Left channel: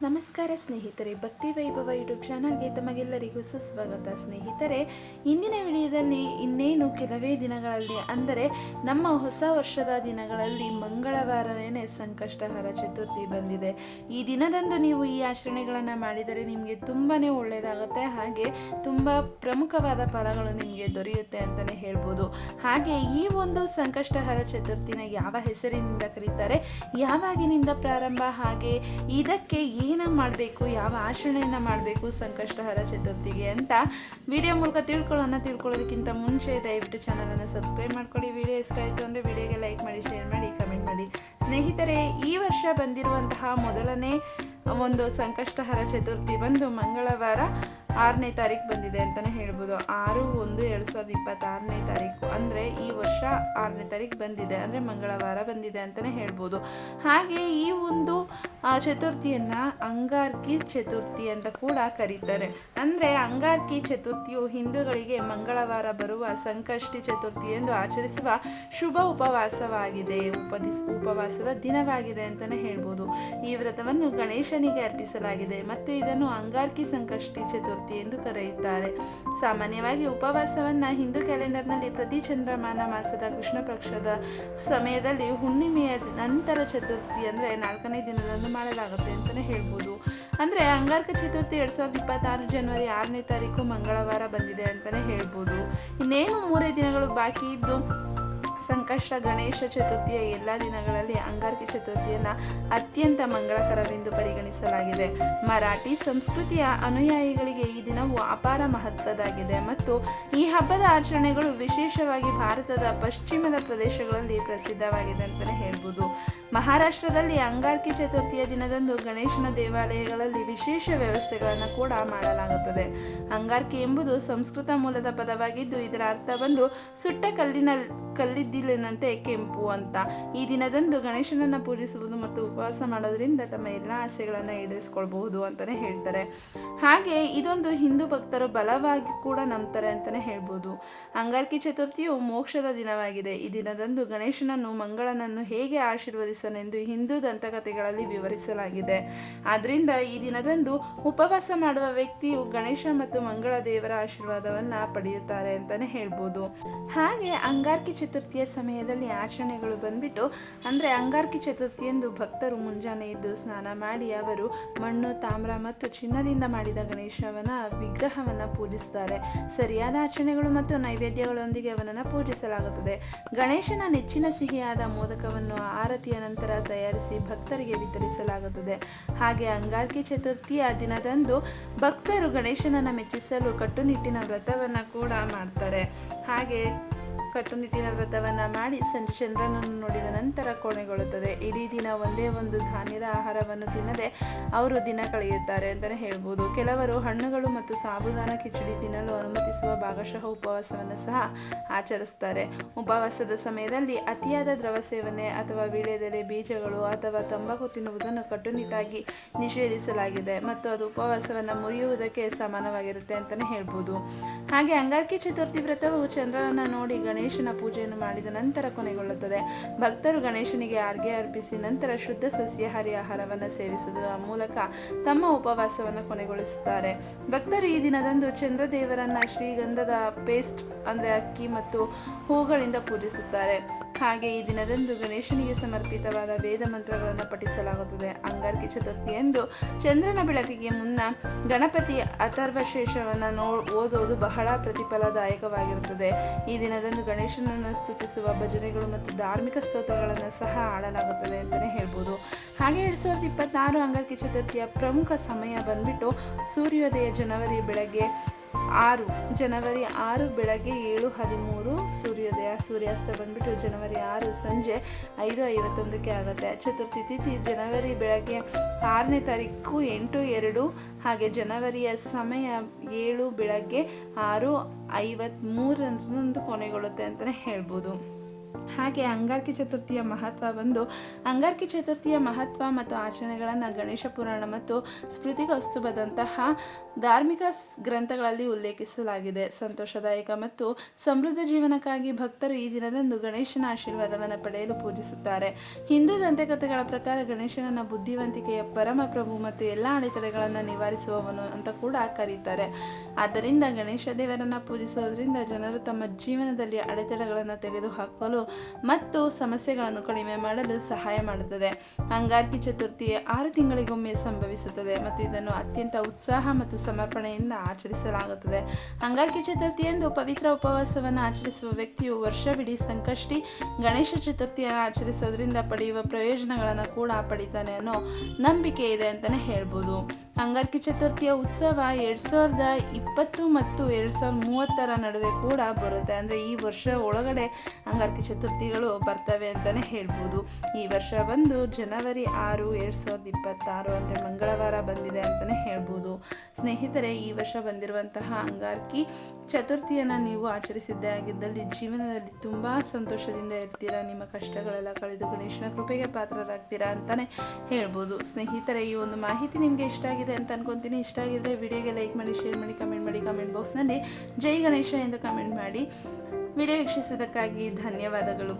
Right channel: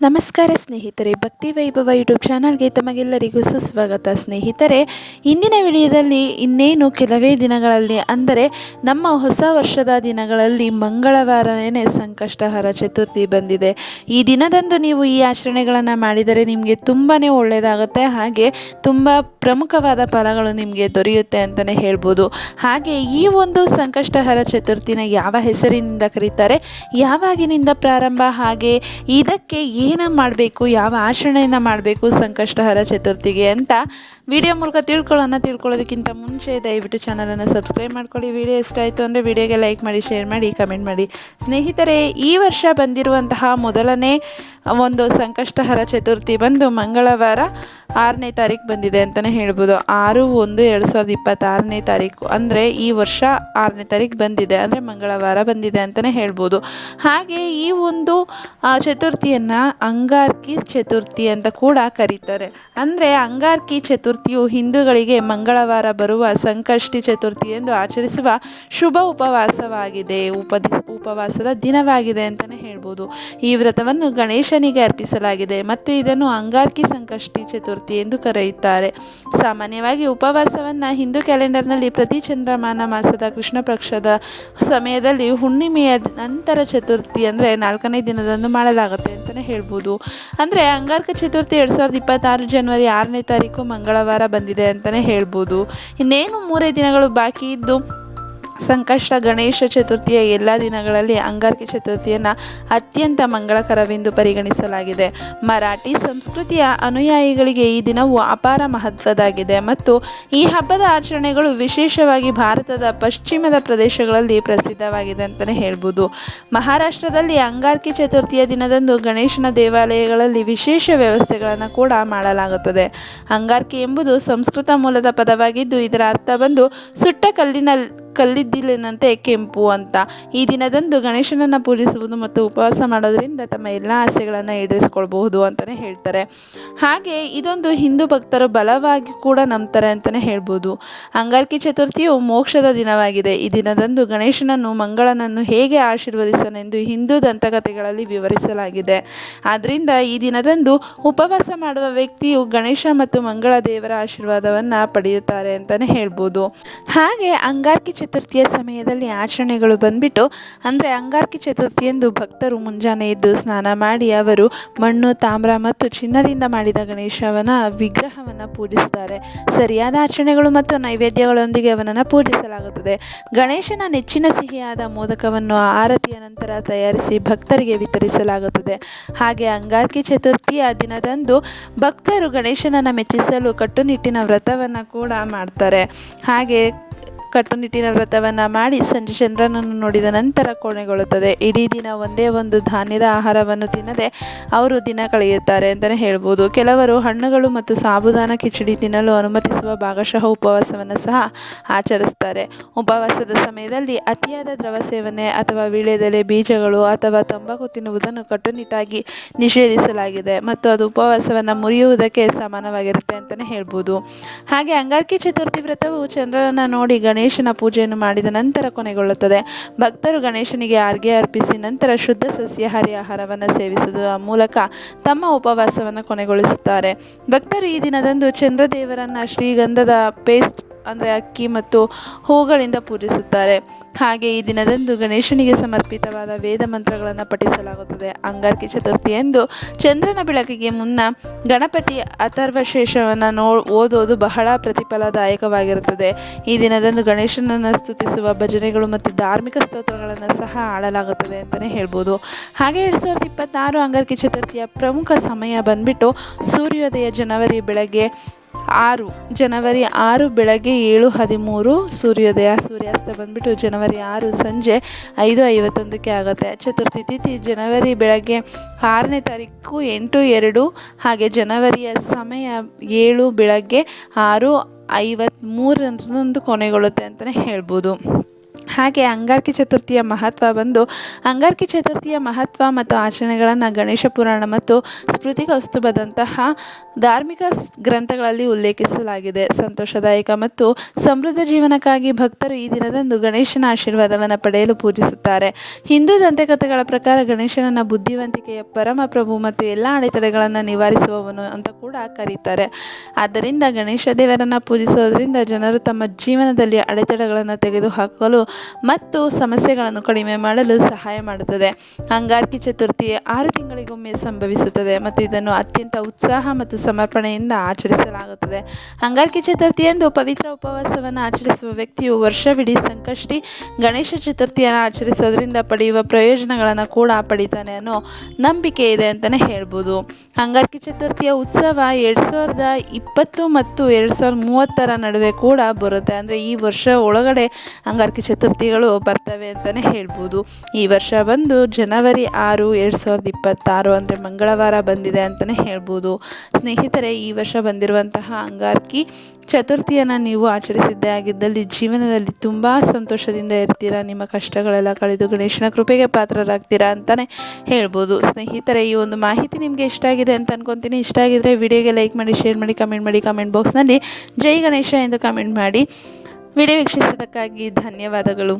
ನಮಸ್ಕಾರ ಸ್ನೇಹಿತರೆ, ಭಕ್ತಿ ವೈಭವ ಯೂಟ್ಯೂಬ್ ಚಾನಲ್ಗೆ ತಮಗೆಲ್ಲರಿಗೂ ಸುಸ್ವಾಗತ. ಸ್ನೇಹಿತರೆ, ಇಂದಿನ ವಿಡಿಯೋದಲ್ಲಿ ಇನ್ನೇನು ಕೆಲವೇ ದಿನಗಳಲ್ಲಿ ಅಂದರೆ ನಮ್ಮ ಹೊಸ ವರ್ಷದ ದಿನಗಳಲ್ಲಿ ಮಂಗಳವಾರನೇ ಸಂಕಷ್ಟಹರ ಚತುರ್ಥಿ ಬಂದಿದೆ. ಈ ದಿನದಂದು ನೀವು ಈ ಆಚರಣೆಗಳನ್ನು ಮಾಡಿದರೆ ನಿಮಗೆ ತುಂಬಾ ಒಳ್ಳೆಯದಾಗುತ್ತೆ, ಹಾಗೆ ತುಂಬ ಪ್ರಮುಖವಾದ ಫಲಗಳು ನಿಮಗೆ ದೊರೆಯುತ್ತೆ ಅಂತಲೇ ಹೇಳ್ಬೋದು. ಹಾಗೆ ಈ ಒಂದು ಸಂಕಷ್ಟಹರ ಚತುರ್ಥಿನ ಯಾವ ಹೆಸರಿನಿಂದ ಕರೀತಾರೆ, ಯಾವಾಗಿನಿಂದ ಪ್ರಾರಂಭ, ಹಾಗೆ ಇದಕ್ಕೆ ಏನು ಮಾಡಬೇಕು, ಯಾವ ಆಚರಣೆಯನ್ನು ಮಾಡಬೇಕು ಸಂಕಷ್ಟಹರ ಚತುರ್ಥಿಗೆ ಅಂತ ವಿಡಿಯೋ ಮೂಲಕ ತಿಳ್ಕೊಳ್ಳೋದಕ್ಕಿಂತ ಮುಂಚೆ ದಯವಿಟ್ಟು ಚಾನಲನ್ನು ಸಬ್ಸ್ಕ್ರೈಬ್ ಮಾಡ್ಕೊಳ್ಳಿ. ವಿಡಿಯೋ ಇಷ್ಟ ಆಯಿತು ಅಂದರೆ ವಿಡಿಯೋಗೆ ಲೈಕ್ ಮಾಡಿ, ಶೇರ್ ಮಾಡಿ, ಕಮೆಂಟ್ ಮಾಡಿ. ಸ್ನೇಹಿತರೆ, ಈ ವರ್ಷ ಬಂದಿರುವಂತಹ ಮೊದಲನೇ ಒಂದು ಸಂಕಷ್ಟಹರ ಚತುರ್ಥಿ ಬಂದು ಮಂಗಳವಾರ 6ನೇ ತಾರೀಕು ಬಂದಿದೆ ಅಂತಲೇ ಹೇಳ್ಬೋದು. 6/1/2026 ತಾರೀಕು ಅಂದರೆ ಈ ವರ್ಷ 6ನೇ ತಾರೀಕು ಬಂದಿದೆ, ಅಂದರೆ ಮಂಗಳವಾರ ಬಂದಿದೆ ಅಂತಲೇ ಹೇಳ್ಬೋದು. ಹಾಗೆ ಈ ಒಂದು ಚತುರ್ಥಿಯನ್ನು ಅಂಗಾರಕಿ ಚತುರ್ಥಿ ಅಂತ ಕೂಡ ಕರೀತಾರೆ. ಅಂದರೆ ಅಂಗಾರಕಿ ಚತುರ್ಥಿಯು ಹಿಂದೂಗಳಿಗೆ ಮಂಗಳವಾರ ಬರುವ ಸಂಕಷ್ಟಿ ಚತುರ್ಥಿ ಎಂದು ಆಚರಿಸುವ ಶುಭ ಉಪವಾಸವಾಗಿದೆ, ಉಪವಾಸದ ದಿನವಾಗಿದೆ ಅಂತಲೇ ಹೇಳ್ಬೋದು. ಈ ವ್ರತವನ್ನು ಗಣೇಶನಿಗೆ ಅರ್ಪಿಸಲಾಗಿದೆ ಮತ್ತು ಇದನ್ನು ಅಂಗಾರಕಿ ಸಂಕಷ್ಟಿ ಚತುರ್ಥಿ ಎಂದು ಕರೆಯುತ್ತಾರೆ. ಸಾಮಾನ್ಯವಾಗಿ ಉಪವಾಸವನ್ನು ಹಿಂದೂ ಕ್ಯಾಲೆಂಡರ್ನಲ್ಲಿ ಪ್ರತಿ ಚಂದ್ರಮಾನ ಮಾಸದ ಕೃಷ್ಣ ಪಕ್ಷದ ಸಮಯದಲ್ಲಿ ಹುಣ್ಣಿಮೆಯ ನಂತರ ಚತುರ್ಥಿ ಅಂದರೆ 4ನೇ ದಿನದಂದು ಮಾಡಲಾಗುತ್ತೆ ಅಂತಲೇ ಹೇಳ್ಬೋದು. ಅಂದರೆ ಅಂಗಾರಕ ಚತುರ್ಥಿ 2026 ಜನವರಿ 6ನೇ ತಾರೀಕು ಮಂಗಳವಾರ ಬಂದಿದೆ ಅಂತಲೇ ಹೇಳ್ಬೋದು. ಇನ್ನೇನು 3 ದಿನಗಳು ಬಾಕಿ ಇದ್ದು ಸಂಕಷ್ಟ ಗಣೇಶ ಚತುರ್ಥಿಯ ಎಲ್ಲ ದಿನಗಳಲ್ಲಿ ಅಂಗಾರಕಿ ಚತುರ್ಥಿಯನ್ನು ಅತ್ಯಂತ ಮಂಗಳಕರವೆಂದು ಪರಿಗಣಿಸಲಾಗಿದೆ. ಮರಾಠಿ ಸಂಸ್ಕೃತಿಯ ಅನುಯಾಯಿಗಳಿಗೆ ಈ ದಿನವು ಅಪಾರ ಮಹತ್ವದಾಗಿದೆ ಮತ್ತು ಈ ಹಬ್ಬದ ಆಚರಣೆಗಳು ವಿಶೇಷವಾಗಿ ಭಾರತದ ಪಶ್ಚಿಮದ ಪ್ರದೇಶಗಳಲ್ಲಿ ಪ್ರಸಿದ್ಧವಾಗಿದೆ ಅಂತಲೇ ಹೇಳ್ಬೋದು. ಮಹಾರಾಷ್ಟ್ರದಲ್ಲಿ ಅಂಗಾರಕಿ ಚತುರ್ಥಿಯ ದಿನದಂದು ಗಣೇಶನ ದೇವಾಲಯಗಳಲ್ಲಿ ವಿಶೇಷ ವ್ಯವಸ್ಥೆಗಳನ್ನು ಕೂಡ ಮಾಡಲಾಗುತ್ತದೆ. ಅಂಗಾರಕಿ ಎಂಬುದು ಸಂಸ್ಕೃತ ಮೂಲದ ಪದವಾಗಿದ್ದು ಇದರ ಅರ್ಥ ಬಂದು ಸುಟ್ಟ ಕಲ್ಲಿದ್ದಿಲಿನಂತೆ ಕೆಂಪು ಅಂತ. ಈ ದಿನದಂದು ಗಣೇಶನನ್ನು ಪೂಜಿಸುವುದು ಮತ್ತು ಉಪವಾಸ ಮಾಡೋದರಿಂದ ತಮ್ಮ ಎಲ್ಲ ಆಸೆಗಳನ್ನು ಈಡೇರಿಸ್ಕೊಳ್ಬಹುದು ಅಂತಲೇ ಹೇಳ್ತಾರೆ. ಹಾಗೆ ಇದೊಂದು ಹಿಂದೂ ಭಕ್ತರು ಬಲವಾಗಿ ಕೂಡ ನಂಬ್ತಾರೆ ಅಂತಲೇ ಹೇಳ್ಬೋದು. ಅಂಗಾರಕಿ ಚತುರ್ಥಿಯು ಮೋಕ್ಷದ ದಿನವಾಗಿದೆ. ಈ ದಿನದಂದು ಗಣೇಶನನ್ನು ಮಂಗಳನನ್ನು ಹೇಗೆ ಆಶೀರ್ವದಿಸಲೆಂದು ಹಿಂದೂ ದಂತಕಥೆಗಳಲ್ಲಿ ವಿವರಿಸಲಾಗಿದೆ. ಆದ್ದರಿಂದ ಈ ದಿನದಂದು ಉಪವಾಸ ಮಾಡುವ ವ್ಯಕ್ತಿಯು ಗಣೇಶ ಮತ್ತು ಮಂಗಳ ದೇವರ ಆಶೀರ್ವಾದವನ್ನು ಪಡೆಯುತ್ತಾರೆ ಅಂತಲೇ ಹೇಳ್ಬೋದು. ಹಾಗೆ ಅಂಗಾರಕಿ ಚತುರ್ಥಿಯ ಸಮಯದಲ್ಲಿ ಆಚರಣೆಗಳು ಬಂದ್ಬಿಟ್ಟು ಅಂದರೆ ಅಂಗಾರಕಿ ಚತುರ್ಥಿಯಂದು ಭಕ್ತರು ಮುಂಜಾನೆ ಎದ್ದು ಸ್ನಾನ ಮಾಡಿ ಅವರು ಮಣ್ಣು, ತಾಮ್ರ ಮತ್ತು ಚಿನ್ನದಿಂದ ಮಾಡಿದ ಗಣೇಶನ ವಿಗ್ರಹವನ್ನು ಪೂಜಿಸುತ್ತಾರೆ. ಸರಿಯಾದ ಆಚರಣೆಗಳು ಮತ್ತು ನೈವೇದ್ಯಗಳೊಂದಿಗೆ ಅವನನ್ನು ಪೂಜಿಸಲಾಗುತ್ತದೆ. ಗಣೇಶನ ನೆಚ್ಚಿನ ಸಿಹಿಯಾದ ಮೋದಕವನ್ನು ಆರತಿಯ ನಂತರ ತಯಾರಿಸಿ ಭಕ್ತರಿಗೆ ವಿತರಿಸಲಾಗುತ್ತದೆ. ಹಾಗೆ ಅಂಗಾರಕಿ ಚತುರ್ಥಿಯ ದಿನದಂದು ಭಕ್ತರು ಗಣೇಶನನ್ನು ಮೆಚ್ಚಿಸಲು ಕಟ್ಟುನಿಟ್ಟಿನ ವ್ರತವನ್ನು ಕೂಡ ಮಾಡ್ತಾರೆ. ಹಾಗೆ ಕಟ್ಟುನಿಟ್ಟಿನ ವ್ರತವನ್ನು ಮಾಡಿ ಸಂಜೆ ಚಂದ್ರನನ್ನು ನೋಡಿದ ನಂತರ ಕೊನೆಗೊಳ್ಳುತ್ತದೆ. ಇಡೀ ದಿನ ಒಂದೇ ಒಂದು ಧಾನ್ಯದ ಆಹಾರವನ್ನು ತಿನ್ನದೆ ಅವರು ದಿನ ಕಳೆಯುತ್ತಾರೆ ಅಂತಲೇ ಹೇಳ್ಬೋದು. ಕೆಲವರು ಹಣ್ಣುಗಳು ಮತ್ತು ಸಾಬುದಾನ ಕಿಚಡಿ ತಿನ್ನಲು ಅನುಮತಿಸುವ ಭಾಗಶಃ ಉಪವಾಸವನ್ನು ಸಹ ಆಚರಿಸ್ತಾರೆ. ಉಪವಾಸದ ಸಮಯದಲ್ಲಿ ಅತಿಯಾದ ದ್ರವ ಸೇವನೆ ಅಥವಾ ವೀಳ್ಯದೆಲೆ, ಬೀಜಗಳು ಅಥವಾ ತಂಬಾಕು ತಿನ್ನುವುದನ್ನು ಕಟ್ಟುನಿಟ್ಟಾಗಿ ನಿಷೇಧಿಸಲಾಗಿದೆ ಮತ್ತು ಅದು ಉಪವಾಸವನ್ನು ಮುರಿಯುವುದಕ್ಕೆ ಸಮಾನವಾಗಿರುತ್ತೆ ಅಂತಲೇ ಹೇಳ್ಬೋದು. ಹಾಗೆ ಅಂಗಾರಕಿ ಚತುರ್ಥಿ ವ್ರತವು ಚಂದ್ರನನ್ನು ನೋಡಿ ಗಣೇಶನ ಪೂಜೆಯನ್ನು ಮಾಡಿದ ನಂತರ ಕೊನೆಗೊಳ್ಳುತ್ತದೆ. ಭಕ್ತರು ಗಣೇಶನಿಗೆ ಅರ್ಘ್ಯ ಅರ್ಪಿಸಿ ನಂತರ ಶುದ್ಧ ಸಸ್ಯಾಹಾರಿ ಆಹಾರವನ್ನು ಸೇವಿಸುವ ಮೂಲಕ ತಮ್ಮ ಉಪವಾಸವನ್ನು ಕೊನೆಗೊಳಿಸುತ್ತಾರೆ. ಭಕ್ತರು ಈ ದಿನದಂದು ಚಂದ್ರದೇವರನ್ನು ಶ್ರೀಗಂಧದ ಪೇಸ್ಟ್ ಅಂದರೆ ಅಕ್ಕಿ ಮತ್ತು ಹೂಗಳಿಂದ ಪೂಜಿಸುತ್ತಾರೆ. ಹಾಗೆ ಈ ದಿನದಂದು ಗಣೇಶನಿಗೆ ಸಮರ್ಪಿತವಾದ ವೇದ ಮಂತ್ರಗಳನ್ನು ಪಠಿಸಲಾಗುತ್ತದೆ. ಅಂಗಾರಕಿ ಚತುರ್ಥಿಯಂದು ಚಂದ್ರನ ಬೆಳಕಿಗೆ ಮುನ್ನ ಗಣಪತಿ ಅಥರ್ವಶೇಷವನ್ನು ಓದೋದು ಬಹಳ ಪ್ರತಿಫಲದಾಯಕವಾಗಿರುತ್ತದೆ. ಈ ದಿನದಂದು ಗಣೇಶನನ್ನು ಸ್ತುತಿಸುವ ಭಜನೆಗಳು ಮತ್ತು ಧಾರ್ಮಿಕ ಸ್ತೋತ್ರಗಳನ್ನು ಸಹ ಆಡಲಾಗುತ್ತದೆ ಅಂತಲೇ ಹೇಳ್ಬೋದು. ಹಾಗೆ 2026 ಅಂಗಾರಕಿ ಚತುರ್ಥಿಯ ಪ್ರಮುಖ ಸಮಯ ಬಂದ್ಬಿಟ್ಟು ಸೂರ್ಯೋದಯ ಜನವರಿ 6 ಬೆಳಗ್ಗೆ 7:13 ಸೂರ್ಯೋದಯ. ಸೂರ್ಯಾಸ್ತ ಬಂದ್ಬಿಟ್ಟು ಜನವರಿ 6 ಸಂಜೆ 5:51 ಆಗುತ್ತೆ. ಚತುರ್ಥಿ ತಿಥಿ ಜನವರಿ ಬೆಳಗ್ಗೆ 6ನೇ ತಾರೀಕು 8:02, ಹಾಗೆ ಜನವರಿಯ ಸಮಯ 7 ಬೆಳಗ್ಗೆ 6:53 ಕೊನೆಗೊಳ್ಳುತ್ತೆ ಅಂತಲೇ ಹೇಳ್ಬೋದು. ಹಾಗೆ ಅಂಗಾರಕಿ ಚತುರ್ಥಿಯ ಮಹತ್ವ ಬಂದು, ಅಂಗಾರಕಿ ಚತುರ್ಥಿಯ ಮಹತ್ವ ಮತ್ತು ಆಚರಣೆಗಳನ್ನು ಗಣೇಶ ಪುರಾಣ ಮತ್ತು ಸ್ಮೃತಿಕೌಸ್ತುಭದಂತಹ ಧಾರ್ಮಿಕ ಗ್ರಂಥಗಳಲ್ಲಿ ಉಲ್ಲೇಖಿಸಲಾಗಿದೆ. ಸಂತೋಷದಾಯಕ ಮತ್ತು ಸಮೃದ್ಧ ಜೀವನಕ್ಕಾಗಿ ಭಕ್ತರು ಈ ದಿನದಂದು ಗಣೇಶನ ಆಶೀರ್ವಾದವನ್ನು ಪಡೆಯಲು ಪೂಜಿಸುತ್ತಾರೆ. ಹಿಂದೂ ದಂತಕಥೆಗಳ ಪ್ರಕಾರ ಗಣೇಶನನ್ನು ಬುದ್ಧಿವಂತಿಕೆಯ ಪರಮ ಪ್ರಭು ಮತ್ತು ಎಲ್ಲ ಅಡೆತಡೆಗಳನ್ನು ನಿವಾರಿಸುವವನು ಅಂತ ಕೂಡ ಕರೀತಾರೆ. ಆದ್ದರಿಂದ ಗಣೇಶ ದೇವರನ್ನು ಪೂಜಿಸೋದ್ರಿಂದ ಜನರು ತಮ್ಮ ಜೀವನದಲ್ಲಿ ಅಡೆತಡೆಗಳನ್ನು ತೆಗೆದುಹಾಕಲು ಮತ್ತು ಸಮಸ್ಯೆಗಳನ್ನು ಕಡಿಮೆ ಮಾಡಲು ಸಹಾಯ ಮಾಡುತ್ತದೆ. ಅಂಗಾರಕಿ ಚತುರ್ಥಿ 6 ತಿಂಗಳಿಗೊಮ್ಮೆ ಸಂಭವಿಸುತ್ತದೆ ಮತ್ತು ಇದನ್ನು ಅತ್ಯಂತ ಉತ್ಸಾಹ ಮತ್ತು ಸಮರ್ಪಣೆಯಿಂದ ಆಚರಿಸಲಾಗುತ್ತದೆ. ಅಂಗಾರಕಿ ಚತುರ್ಥಿಯಂದು ಪವಿತ್ರ ಉಪವಾಸವನ್ನು ಆಚರಿಸುವ ವ್ಯಕ್ತಿಯು ವರ್ಷವಿಡೀ ಸಂಕಷ್ಟಿ ಗಣೇಶ ಚತುರ್ಥಿಯನ್ನು ಆಚರಿಸೋದ್ರಿಂದ ಪಡೆಯುವ ಪ್ರಯೋಜನಗಳನ್ನು ಕೂಡ ಪಡಿತಾನೆ ಅನ್ನೋ ನಂಬಿಕೆ ಇದೆ ಅಂತಲೇ ಹೇಳ್ಬೋದು. ಅಂಗಾರಕಿ ಚತುರ್ಥಿಯ ಉತ್ಸವ 2020 ಮತ್ತು 2030 ನಡುವೆ ಕೂಡ ಬರುತ್ತೆ. ಅಂದರೆ ಈ ವರ್ಷ ಒಳಗಡೆ ಅಂಗಾರಕಿ ಚತುರ್ಥಿಗಳು ಬರ್ತವೆ ಅಂತಲೇ ಹೇಳ್ಬೋದು. ಈ ವರ್ಷ ಬಂದು ಜನವರಿ 6, 2026 ಅಂದರೆ ಮಂಗಳವಾರ ಬಂದಿದೆ ಅಂತಲೇ ಹೇಳ್ಬೋದು. ಸ್ನೇಹಿತರೆ, ಈ ವರ್ಷ ಬಂದಿರುವಂತಹ ಅಂಗಾರಕಿ ಚತುರ್ಥಿಯನ್ನು ನೀವು ಆಚರಿಸಿದ್ದೇ ಆಗಿದ್ದಲ್ಲಿ ಜೀವನದಲ್ಲಿ ತುಂಬ ಸಂತೋಷದಿಂದ ಇರ್ತೀರಾ. ನಿಮ್ಮ ಕಷ್ಟಗಳೆಲ್ಲ ಕಳೆದು ಗಣೇಶನ ಕೃಪೆಗೆ ಪಾತ್ರರಾಗ್ತೀರಾ ಅಂತಲೇ ಹೇಳ್ಬೋದು. ಸ್ನೇಹಿತರೆ, ಈ ಒಂದು ಮಾಹಿತಿ ನಿಮಗೆ ಇಷ್ಟ ಆಗಿದೆ ಅಂತ ಅನ್ಕೊತೀನಿ. ಇಷ್ಟ ಆಗಿದ್ರೆ ವಿಡಿಯೋಗೆ ಲೈಕ್ ಮಾಡಿ, ಶೇರ್ ಮಾಡಿ, ಕಮೆಂಟ್ ಮಾಡಿ. ಕಮೆಂಟ್ ಬಾಕ್ಸ್ನಲ್ಲಿ ಜೈ ಗಣೇಶ ಎಂದು ಕಮೆಂಟ್ ಮಾಡಿ. ವಿಡಿಯೋ ವೀಕ್ಷಿಸಿದ್ದಕ್ಕಾಗಿ ಧನ್ಯವಾದಗಳು.